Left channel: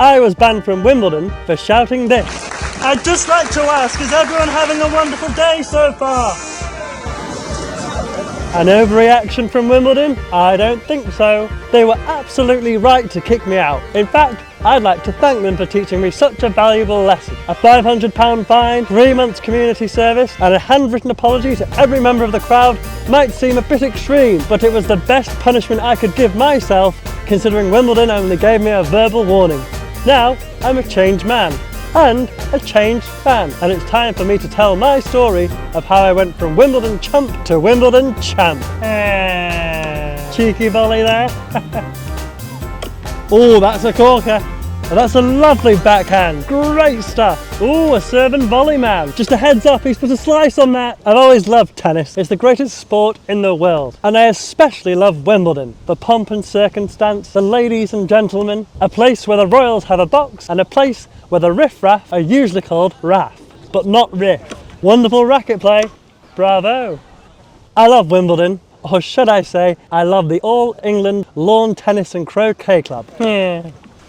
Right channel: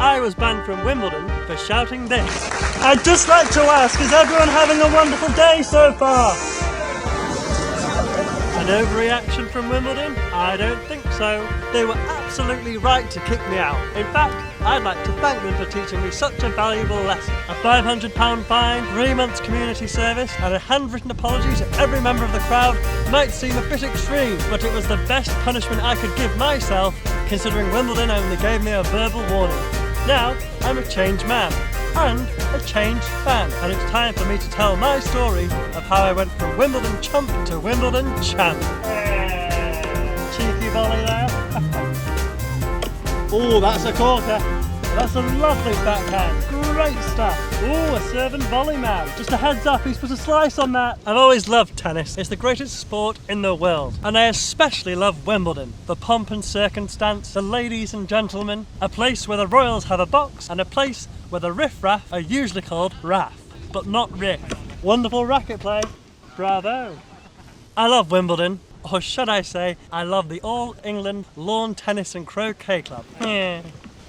I was banned from Wimbledon for shouting this. I'd just like to ask, is everyone having a wonderful day so far? An overreaction from Wimbledon? I don't think so. They were absolutely right to kick me out. In fact, I'd like to thank them for teaching me such a valuable lesson. A £500 fine, 3 months community service, and a handwritten apology to every member of the crowd might seem a bit extreme, but it was the best punishment I could give myself, considering Wimbledon only gave me a verbal warning. Now, I'm a changed man. And a changed fan, and it's time for me to tell my story of how I went from Wimbledon chump to Wimbledon champ. Cheeky volley there. Oh, that's a corker. And that's a lovely backhand. Great stuff. Oh, a serving volley man. Just a heads up, he's put a slice on that. I've always loved tennis. It's the greatest sport in the world. And I especially love Wimbledon. The pomp and circumstance, the ladies and gentlemen, a place where the royals have a box, and a place where the riff-raff are usually called raff, but not riff. Wonderful racket play. Bravo. I love Wimbledon, or should I say, I love the All England Lawn Tennis and Croquet Club.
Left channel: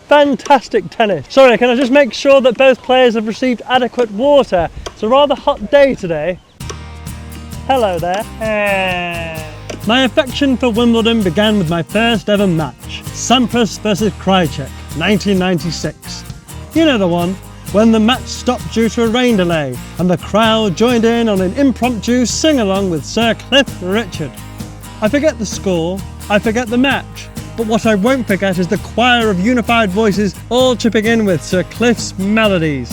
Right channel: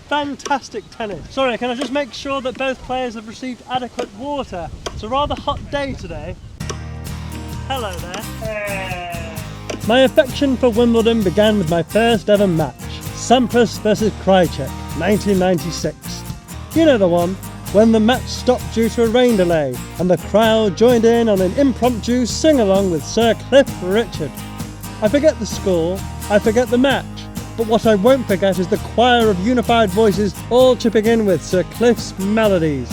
Fantastic tennis. Sorry, can I just make sure that both players have received adequate water? It's a rather hot day today. Hello there. My affection for Wimbledon began with my first ever match, Sampras versus Krajicek, 1996. You know the one, when the match stopped due to a rain delay and the crowd joined in on an impromptu sing-along with Sir Cliff Richard. I forget the score, I forget the match, but what I won't forget is the choir of unified voices all chipping in with Sir Cliff's melodies.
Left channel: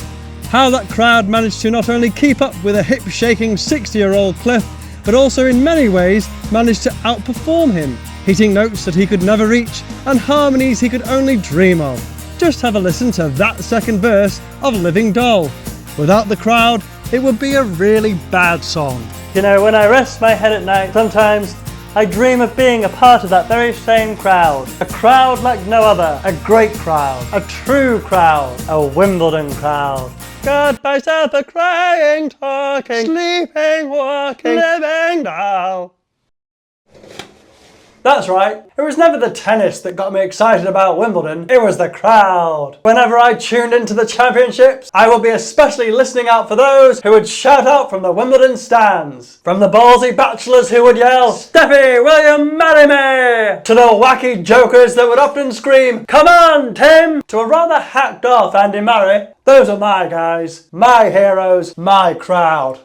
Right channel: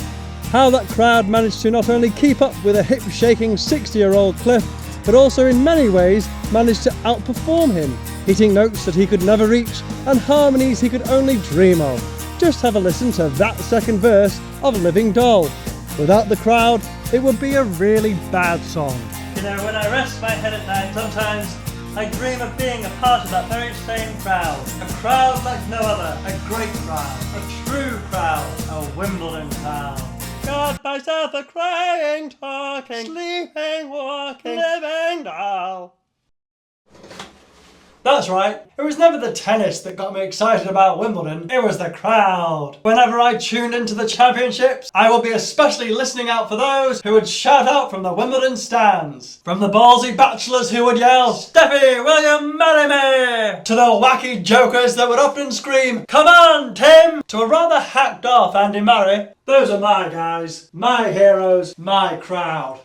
How that crowd managed to not only keep up with a hip-shaking 60-year-old Cliff, but also in many ways managed to outperform him, hitting notes that he could never reach and harmonies he could only dream of. Just have a listen to that second verse of Living Doll. Without the crowd, it would be a really bad song. You know, when I rest my head at night, sometimes I dream of being a part of that very same crowd. A crowd like no other. A great crowd. A true crowd. A Wimbledon crowd. Got myself a crying, talking, sleeping, walking, living doll. That's right, it was never the tennis that got me excited about Wimbledon, it was the crowd. Whenever I tuned into the championships, I would be especially listening out for those who would shout out from the Wimbledon stands. From the ballsy bachelors who would yell, "Steffi, will you marry me?" to the wacky jokers that would often scream, "Come on, Tim!" to a rather hacked off Andy Murray. Those are my guys, my heroes, my crowd.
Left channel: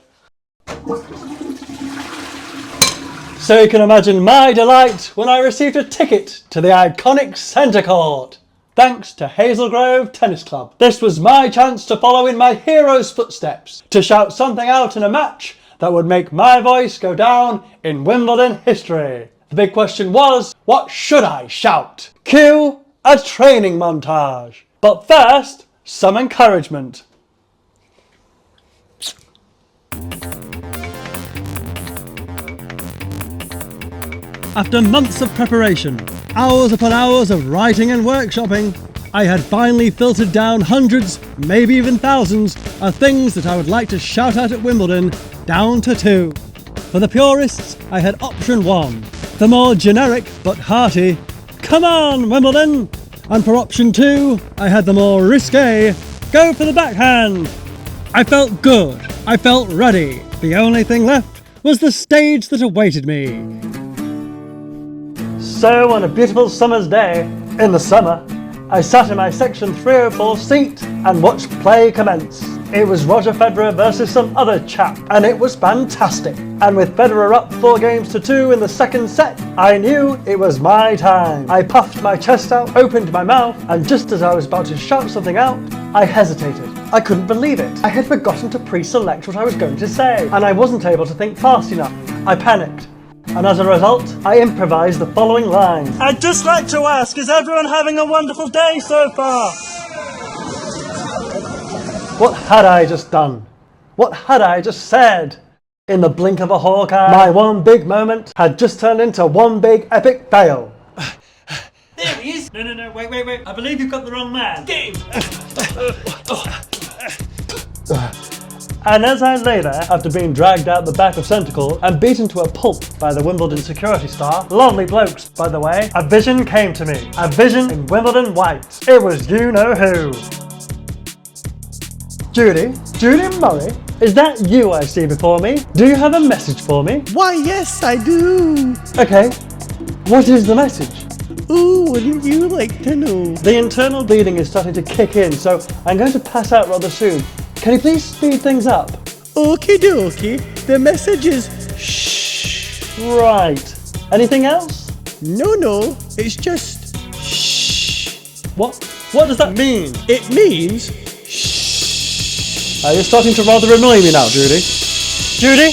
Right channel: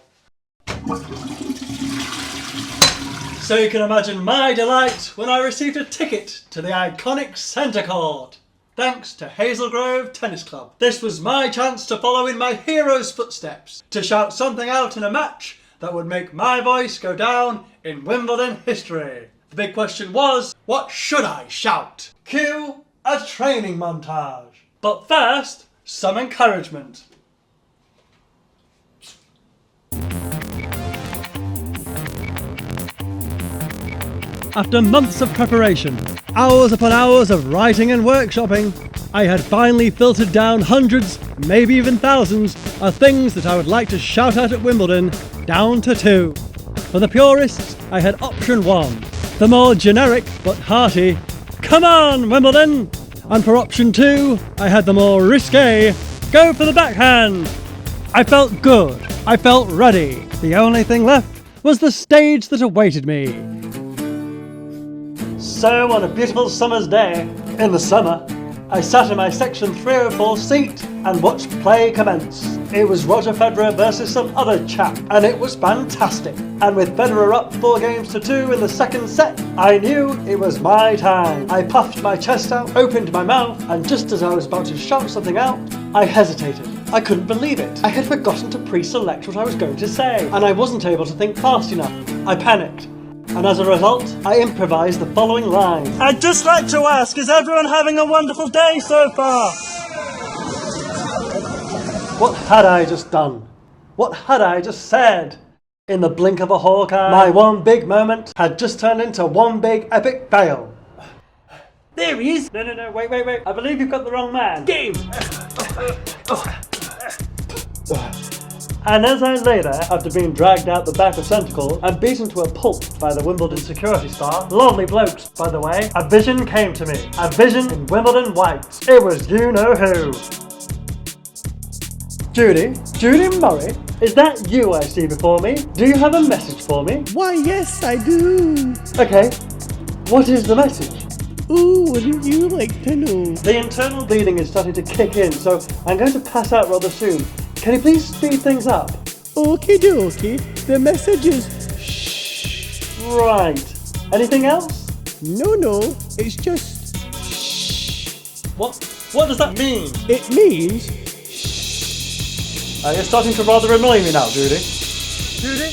So you can imagine my delight when I received a ticket to the iconic centre court. Thanks to Hazel Grove Tennis Club. This was my chance to follow in my hero's footsteps, to shout something out in a match that would make my voice go down in Wimbledon history. The big question was, what should I shout? Cue a training montage. But first, some encouragement. After months of preparation, hours upon hours of writing and workshopping, I had finally filtered down hundreds, maybe even thousands, of things that I would like to shout out at Wimbledon, down to 2. For the purists, I had option 1, the more generic but hearty, "Come on, Wimbledon!" And for option 2, I had the more risque, "Go for the backhand!" I felt good, I felt ready. The only thing left was the stage that awaited me. So on a beautiful summer's day, in the summer, I sat in my section 304 seat and watched play commence. It was Roger Federer versus some other chap, and it was fantastic. And with Federer up 4-2 in the second set, I knew it was my time. I puffed my chest out, opened my mouth, and just as I was about to shout something out, I hesitated. I couldn't believe it. I had forgotten to pre-select what I was going to say, and I wasn't able to think fast enough. I panicked. And as a result, I improvised the following lines. I'd just like to ask, is everyone having a wonderful day so far? What had I just done? What had I just said? In the blink of a hawk eye, my one big moment had just turned into one big epic fail. There he is! No, wait. I believe you've got the wrong man. Game! And as I lay there, after being dragged out the back of Centacle and beaten to a pulp by the Wimbledon security staff, lovely blokes by the way, a vision came to me. A vision in Wimbledon white. It was you-know-who. Judy Murray, is that you I see before me? Do you have a message for me? Why, yes, I do. Okay, what is the message? Oh, wouldn't you like to know? The internal bleeding is starting to kick in, so I'm going to pass out rather soon. Can you please speed things up? Okie dokie. The message is shh. Right. Anything else? No, it's just shh. What does that mean? It means You're starting to rather annoy me now, Judy. Judy!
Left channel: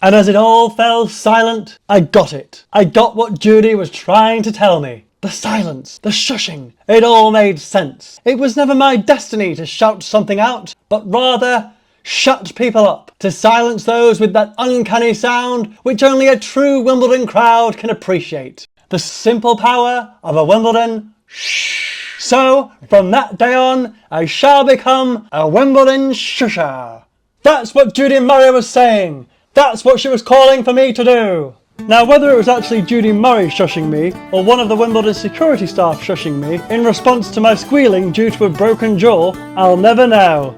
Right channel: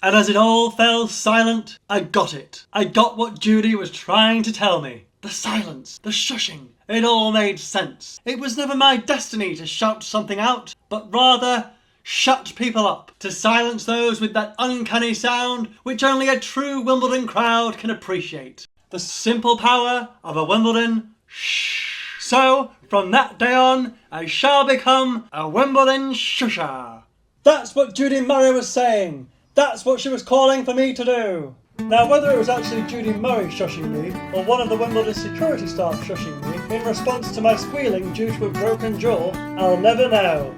And as it all fell silent, I got it. I got what Judy was trying to tell me. The silence, the shushing, it all made sense. It was never my destiny to shout something out, but rather shut people up, to silence those with that uncanny sound which only a true Wimbledon crowd can appreciate. The simple power of a Wimbledon shh. So, from that day on, I shall become a Wimbledon Shusher. That's what Judy Murray was saying. That's what she was calling for me to do. Now, whether it was actually Judy Murray shushing me, or one of the Wimbledon security staff shushing me, in response to my squealing due to a broken jaw, I'll never know.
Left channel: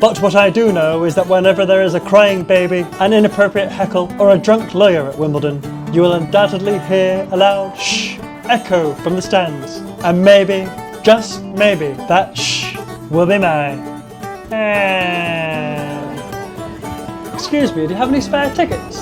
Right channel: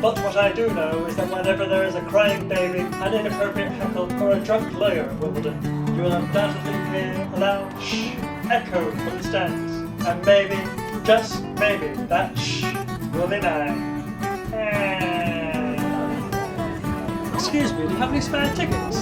But what I do know is that whenever there is a crying baby, an inappropriate heckle, or a drunk lawyer at Wimbledon, you will undoubtedly hear a loud shh echo from the stands. And maybe, just maybe, that shh will be mine. Excuse me, do you have any spare tickets?